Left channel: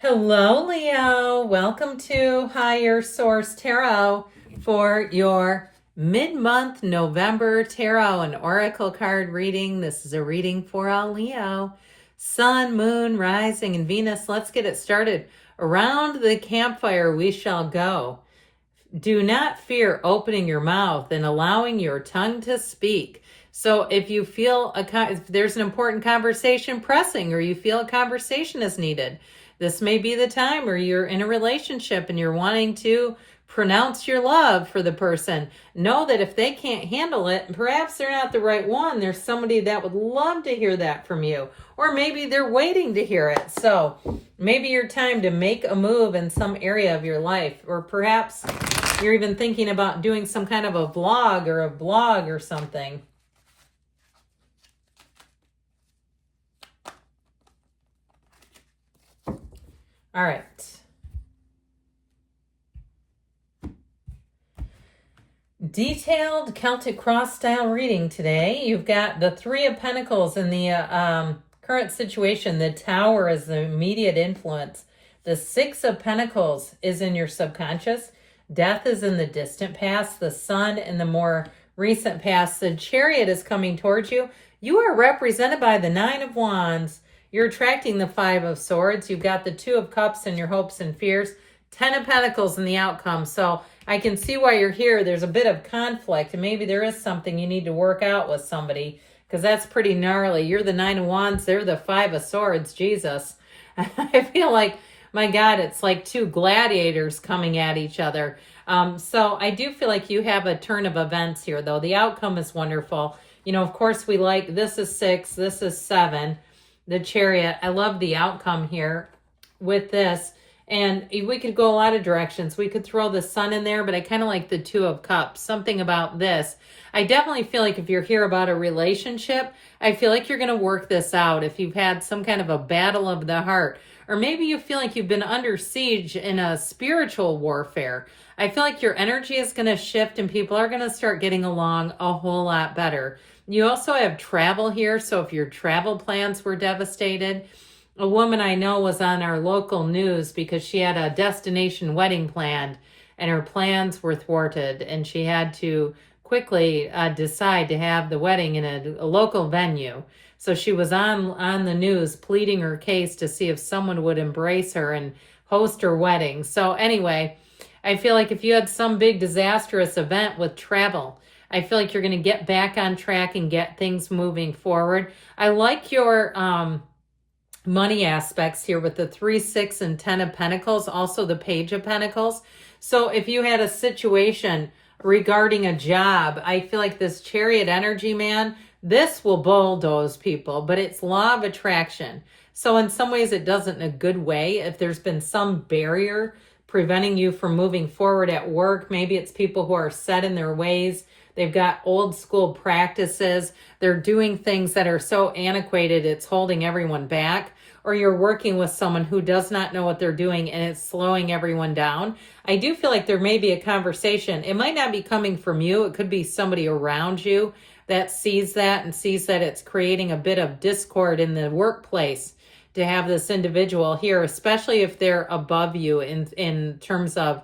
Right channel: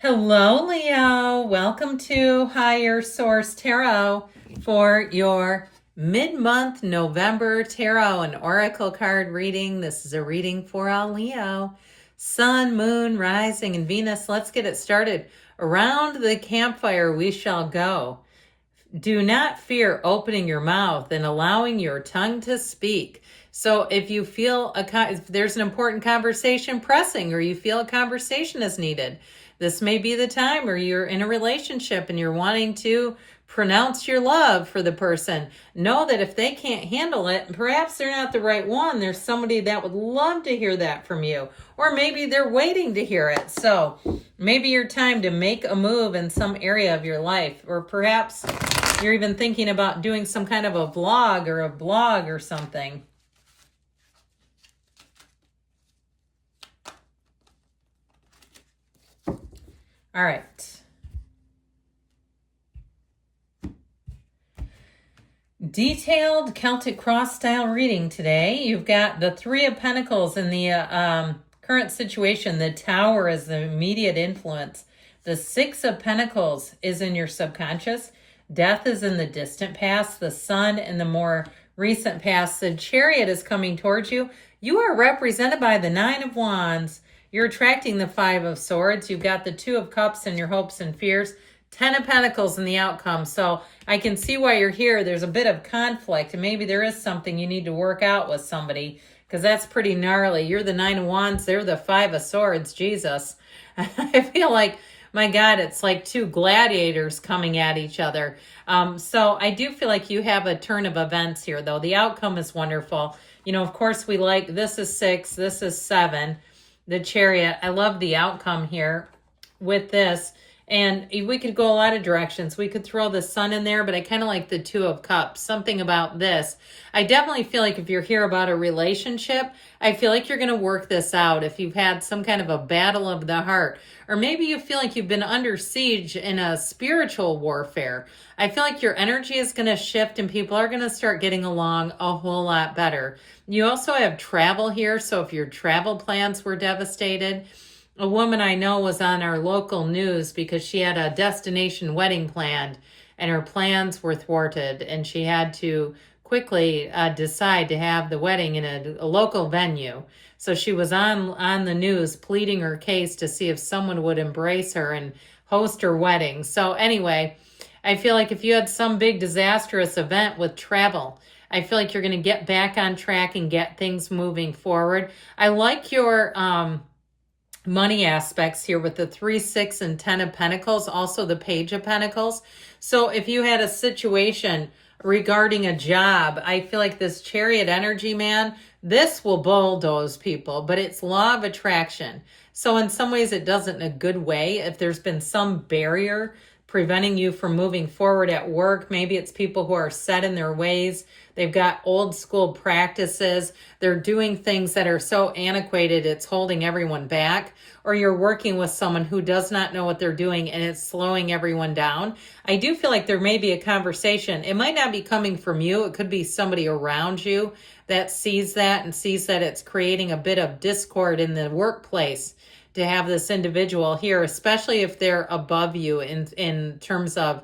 Hello, Leo. Welcome to Higher Source Tarot for your mid-month November Tarot and Oracle card reading. This is a reading for all Leo. Sun, Moon, Rising, and Venus. Let's get it started. Around the campfire we shall go. Do not fear opening your mouth and allowing your tongue to speak. So if you feel if there's an important conversation pressing, or you feel a conversation is needed, this may be the time. Or you're in a relationship and you're wanting to pronounce your love for the person. Know that if they can't handle it, perhaps they're not the right one. There's somebody that would love to hear that from you. Or maybe they're waiting to hear it. So maybe your time to make a move in some area of your life. Or perhaps you're even thinking about doing some kind of a vlog or a blog or something. All right. Detailed Celtic cross style reading today. You've got the Three of Pentacles in the current situation. The Tower is the immediate influence. The Six of Pentacles is in your subconscious. Death is in the distant past. The Sun in the more recent past. The Chariot is coming towards you. You are represented by the Nine of Wands. You're attracting the Five of Swords. You've got the Two of Cups in your hopes and fears. Ten of Pentacles in the outcome. So I can see why you're here. There's a bit of conflict, and maybe there is something you need to work out with somebody, because that's pretty gnarly. You're the Nine of Wands. They're the Five of Swords. Jesus. I feel like, my God, it's like two gladiators coming at each other. So I do feel like you have a turn of events here, though. The outcome is wonderful. You know, of course, we like, this is 6, this is 7. The Chariot. I love the outcome here with this. And we could go a lot of directions. We could throw the Sun in there, but I kind of like the Two of Cups. Something about this. I definitely feel like if you're here about a relationship, I feel like you're going to work this out. If you've had some kind of a battle of the heart, or maybe you feel like you've been under siege in a spiritual warfare, I feel like your energy is going to shift and people are going to start getting along a whole lot better. You also have travel here, so if your travel plans were devastated, a woman I know was on our local news because she had a destination wedding planned and her plans were thwarted, and she had to quickly decide to have the wedding in a local venue. So she was on the news pleading her case to see if someone would embrace her and host her wedding. So anyway, I feel like if you had some big disastrous event with travel, I feel like you're going to get back on track and get things moving forward. I like your money aspects here with the 3, 6, and 10 of Pentacles, also the Page of Pentacles. So if you had a situation regarding a job, I feel like this Chariot energy, man, this will bulldoze people, but it's law of attraction. So in some ways it doesn't in a good way. If there's been some barrier preventing you from moving forward at work, maybe it's people who are set in their ways. They've got old school practices. They're doing things that are so antiquated, it's holding everyone back. Or you're working with someone who does not know what they're doing and it's slowing everyone down. I do feel like there may be a conversation. It might not be coming from you. It could be somebody around you that sees that and sees that it's creating a bit of discord in the workplace to have this individual here, especially if they're above you in terms of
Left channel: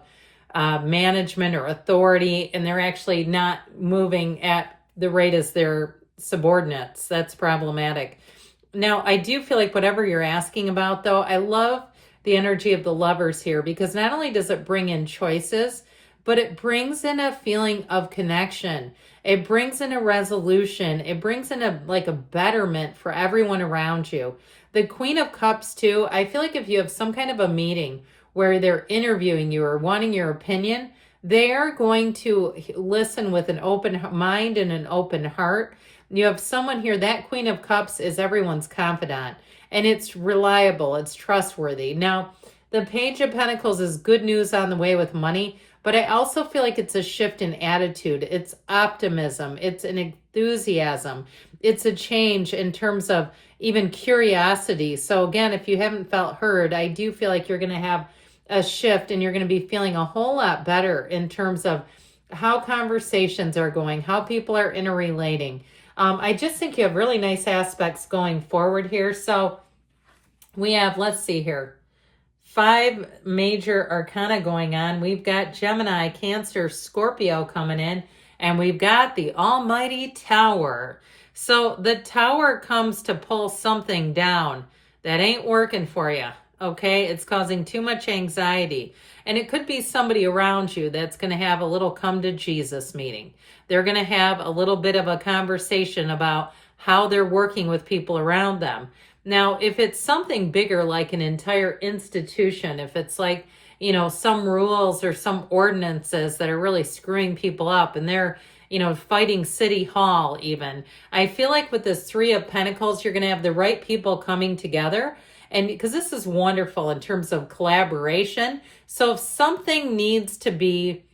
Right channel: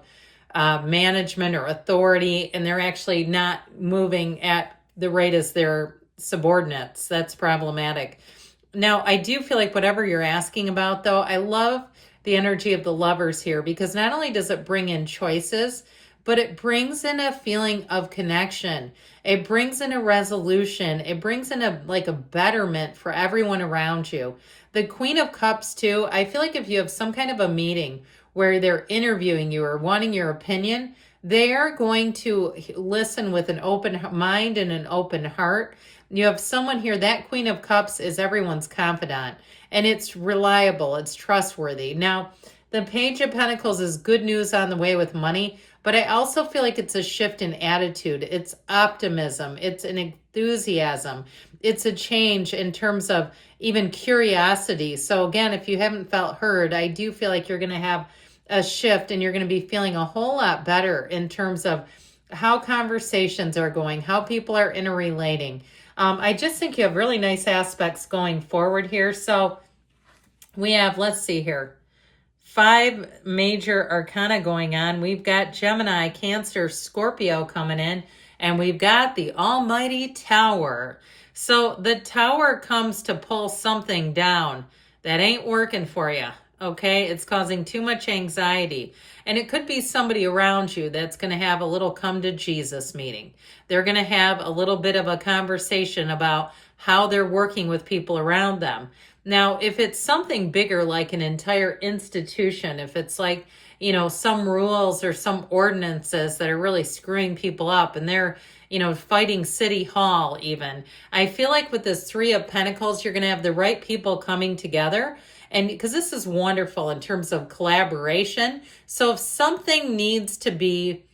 management or authority, and they're actually not moving at the rate as their subordinates. That's problematic. Now, I do feel like whatever you're asking about, though, I love the energy of the Lovers here, because not only does it bring in choices, but it brings in a feeling of connection. It brings in a resolution. It brings in a betterment for everyone around you. The Queen of Cups, too, I feel like if you have some kind of a meeting where they're interviewing you or wanting your opinion, they're going to listen with an open mind and an open heart. You have someone here, that Queen of Cups is everyone's confidant, and it's reliable, it's trustworthy. Now, the Page of Pentacles is good news on the way with money, but I also feel like it's a shift in attitude. It's optimism, it's an enthusiasm, it's a change in terms of even curiosity. So again, if you haven't felt heard, I do feel like you're going to have a shift and you're going to be feeling a whole lot better in terms of how conversations are going, how people are interrelating. I just think you have really nice aspects going forward here. So we have, let's see here, 5 major arcana going on. We've got Gemini, Cancer, Scorpio coming in, and we've got the almighty Tower. So the Tower comes to pull something down that ain't working for you, okay? It's causing too much anxiety. And it could be somebody around you that's going to have a little come to Jesus meeting. They're going to have a little bit of a conversation about how they're working with people around them. Now, if it's something bigger like an entire institution, if it's like, some rules or some ordinances that are really screwing people up and they're, fighting City Hall even, I feel like with this 3 of Pentacles, you're going to have the right people coming together. And because this is wonderful in terms of collaboration. So if something needs to be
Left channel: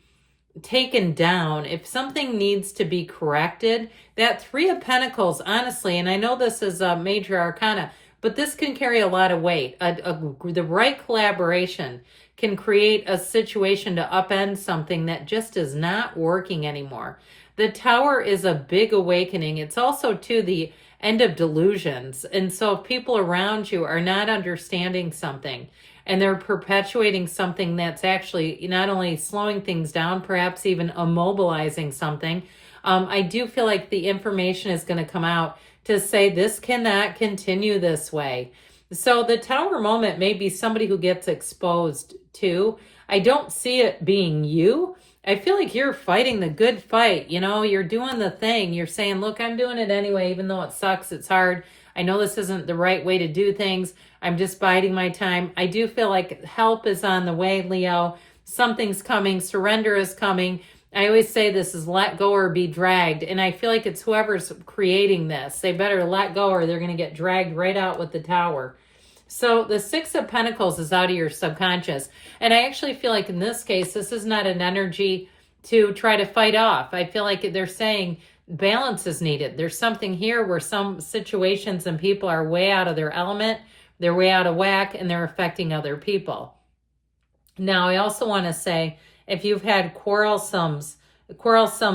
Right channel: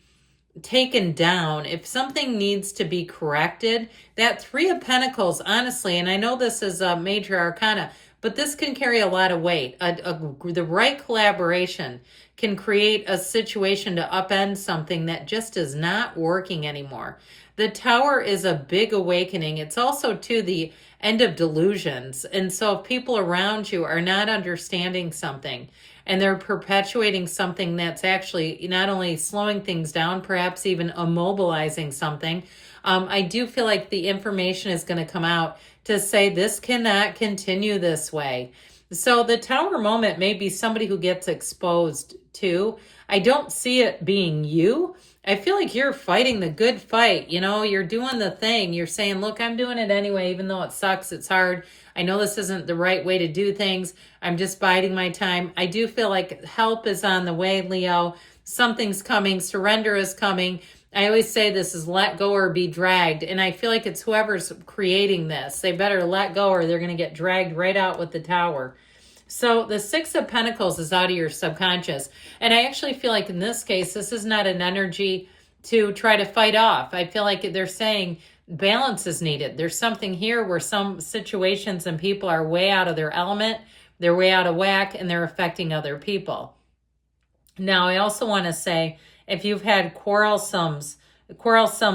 taken down, if something needs to be corrected, that 3 of Pentacles, honestly, and I know this is a major arcana, but this can carry a lot of weight. The right collaboration can create a situation to upend something that just is not working anymore. The Tower is a big awakening. It's also to the end of delusions. And so if people around you are not understanding something and they're perpetuating something that's actually not only slowing things down, perhaps even immobilizing something, I do feel like the information is going to come out to say this cannot continue this way. So the Tower moment may be somebody who gets exposed too. I don't see it being you. I feel like you're fighting the good fight. You're doing the thing. You're saying, look, I'm doing it anyway, even though it sucks. It's hard. I know this isn't the right way to do things. I'm just biding my time. I do feel like help is on the way, Leo. Something's coming. Surrender is coming. I always say this is let go or be dragged. And I feel like it's whoever's creating this. They better let go or they're going to get dragged right out with the Tower. So the 6 of Pentacles is out of your subconscious. And I actually feel like in this case, this is not an energy to try to fight off. I feel like they're saying balance is needed. There's something here where some situations and people are way out of their element. They're way out of whack and they're affecting other people. Now, I also want to say, if you've had quarrelsome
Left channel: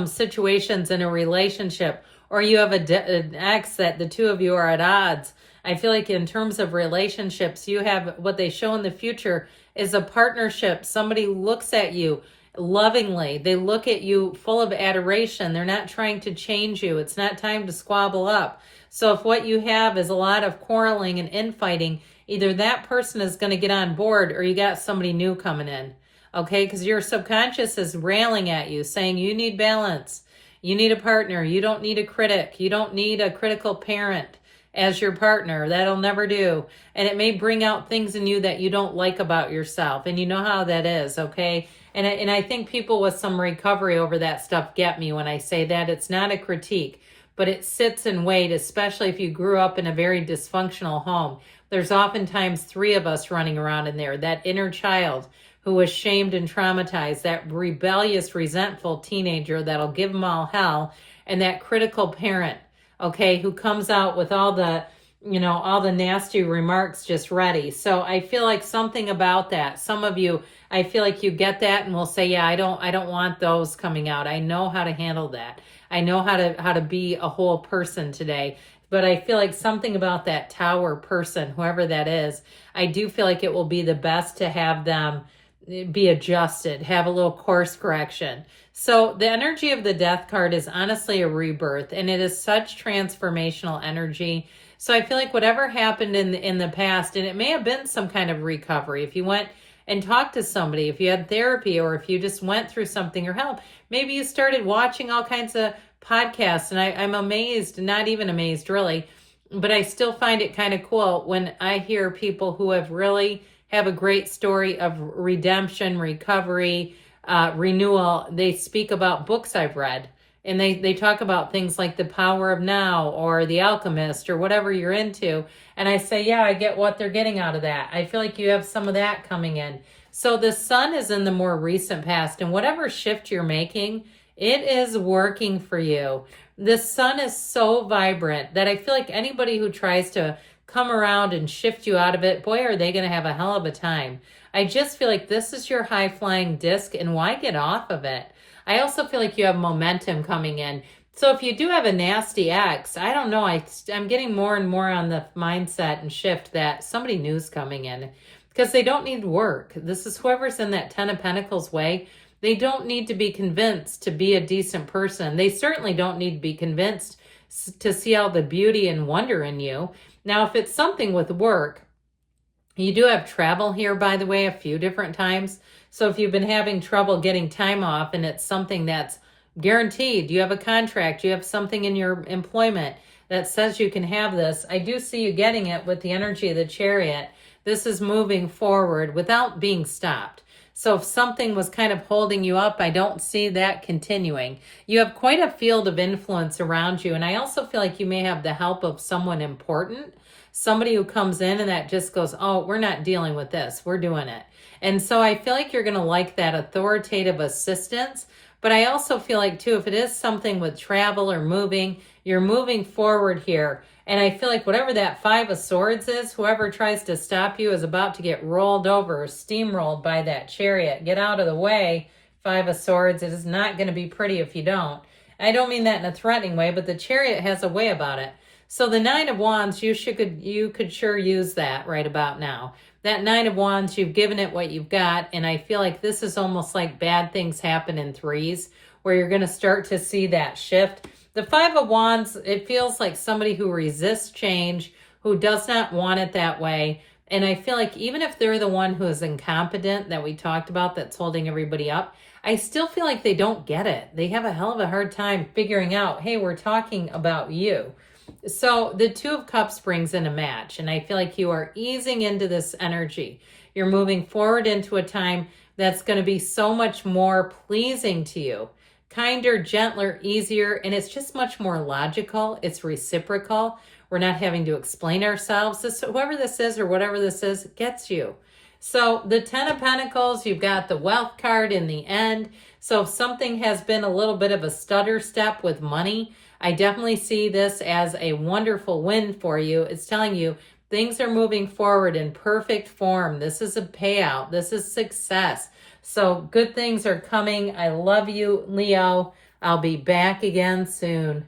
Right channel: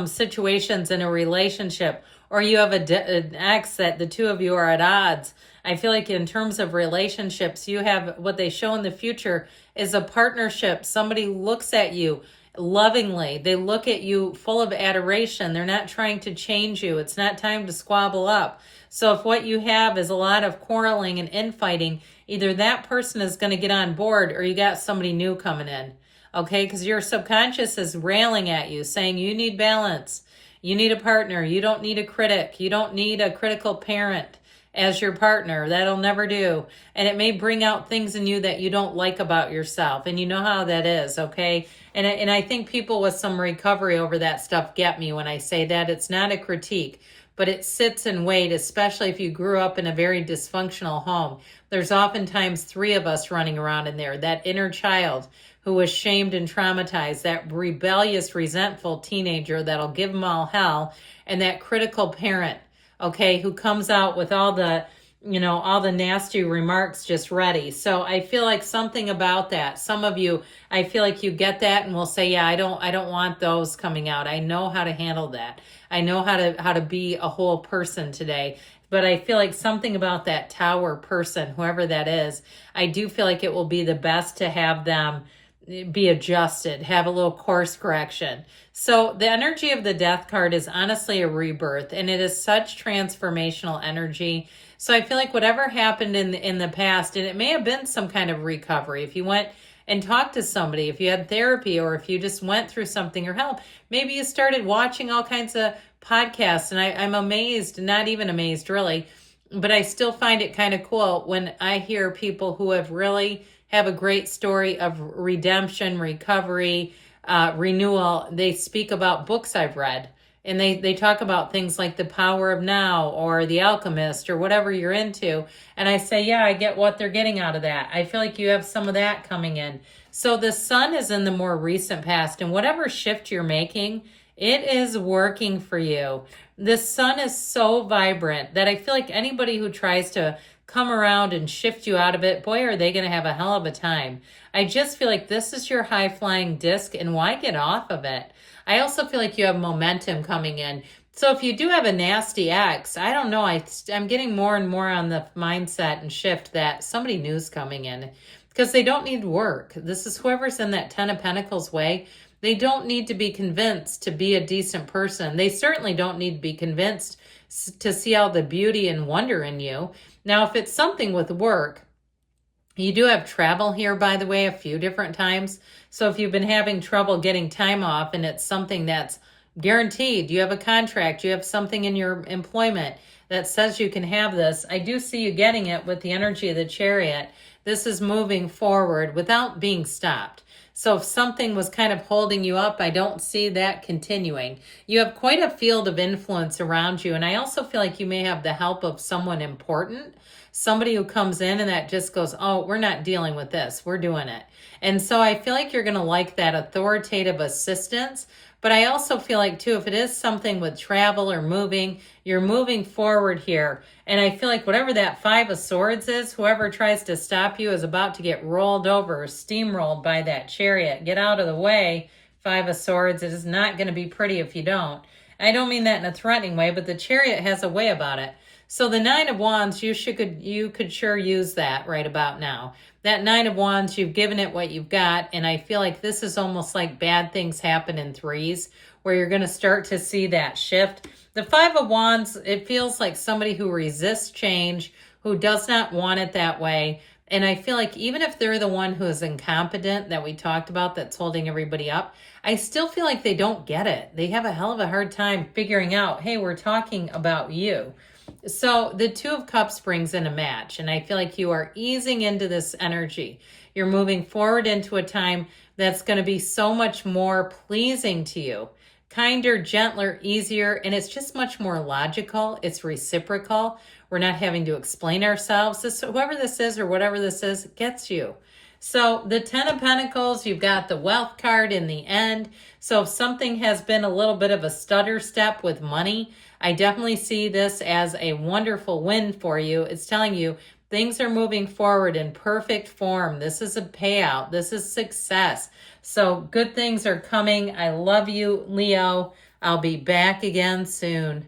situations in a relationship, or you have an ex that the two of you are at odds, I feel like in terms of relationships, you have what they show in the future is a partnership. Somebody looks at you lovingly. They look at you full of adoration. They're not trying to change you. It's not time to squabble up. So if what you have is a lot of quarreling and infighting, either that person is going to get on board or you got somebody new coming in. Okay, because your subconscious is railing at you, saying you need balance. You need a partner. You don't need a critic. You don't need a critical parent as your partner. That'll never do. And it may bring out things in you that you don't like about yourself. And you know how that is, okay? And I think people with some recovery over that stuff get me when I say that. It's not a critique, but it sits in weight, especially if you grew up in a very dysfunctional home. There's oftentimes 3 of us running around in there. That inner child who was shamed and traumatized, that rebellious, resentful teenager that'll give them all hell, and that critical parent, okay, who comes out with all the nasty remarks just ready. So I feel like something about that. Some of you, I feel like you get that and will say, yeah, I don't want those coming out. I know how to handle that. I know how to be a whole person today. But I feel like something about that Tower person, whoever that is, I do feel like it will be the best to have them be adjusted, have a little course correction. So the energy of the Death card is honestly a rebirth, and it is such transformational energy. So I feel like whatever happened in the past, and it may have been some kind of recovery, if you went and talked to somebody, if you had therapy, or if you just went through something or help, maybe you started watching all kinds of podcasts, and I'm amazed, not even amazed really, but I still find it kind of cool when I hear people who have a great story of redemption, recovery, renewal. They speak about books I've read, and they talk about things like The Power of Now or The Alchemist or whatever you're into. And I say, yeah, I get what they're getting out of that. I feel like you have some of that coming in. So the Sun is in the more recent past, and whatever shift you're making, it is working for you. The Sun is so vibrant that I feel like anybody who tries to come around and shift you out of it, boy, are they going to have a hell of a time. I just feel like this is your high-flying disc, and why get off of it? I also feel like you have momentum coming in. So if you do have a nasty ex, I don't know. I'm getting more and more on the mindset and shift that somebody new is coming in because they don't need work. This is whoever's in that Ten of Pentacles way. They don't need to be convinced to be a decent person. They certainly don't need to be convinced to see all the beauty and wonder in you. Now, if it's something with work, you do have travel here, by the way, a few different times. So if you've been having trouble getting time off and it's something that's guaranteed, you have a contract, you have something in your employment that says you can have this, I do see you getting it with the energy of the Chariot. This is moving forward without being stopped. So if something was kind of holding you up, I don't see that continuing. You have quite a field of influence around you. And I also feel like you may have the help of someone important, somebody who comes in and that just goes, oh, we're not dealing with this, we're doing it. And so I feel like you're going to like that authoritative assistance. But I also feel like, too, if it is something with travel or moving, you're moving forward here. And I feel like whatever that Five of Swords is, whoever tries to stop you is about to get rolled over or steamrolled by that Chariot. Get out of the way, Five of Swords. It is not going to be pretty if you don't. I don't mean that in a threatening way, but the Chariot has a way about it. So the Nine of Wands, you could sure use that right about now. That Nine of Wands, you've given it what you've got, and I feel like this is almost like bad things happen in threes, where you're going to start to see that shift. The Five of Wands, it feels like somebody who resists change, who does not want it that way. And I feel like even if they're the one who is incompetent that we talked about, that's holding everybody up, I still feel like they don't get it. They have a hell of a hard time figuring out, hey, we're talking about you. So the Two of Cups brings in a match, and I feel like you are easing into this energy. You're moving forward into a time that's going to be so much more pleasing to you. Kinder, gentler, easier, and it's just much more logical. It's reciprocal. We're not having to explain ourselves. Whoever this is or whatever this is gets you. So the Ten of Pentacles, you've got the Wealth card in the end. So if something has been a little bit of a stutter step with money, I definitely see this as a wonderful win for you. It's telling you things are moving forward in perfect form. This is a payout. This is success. So good things are coming. I love you, Leo. I'll be back again soon.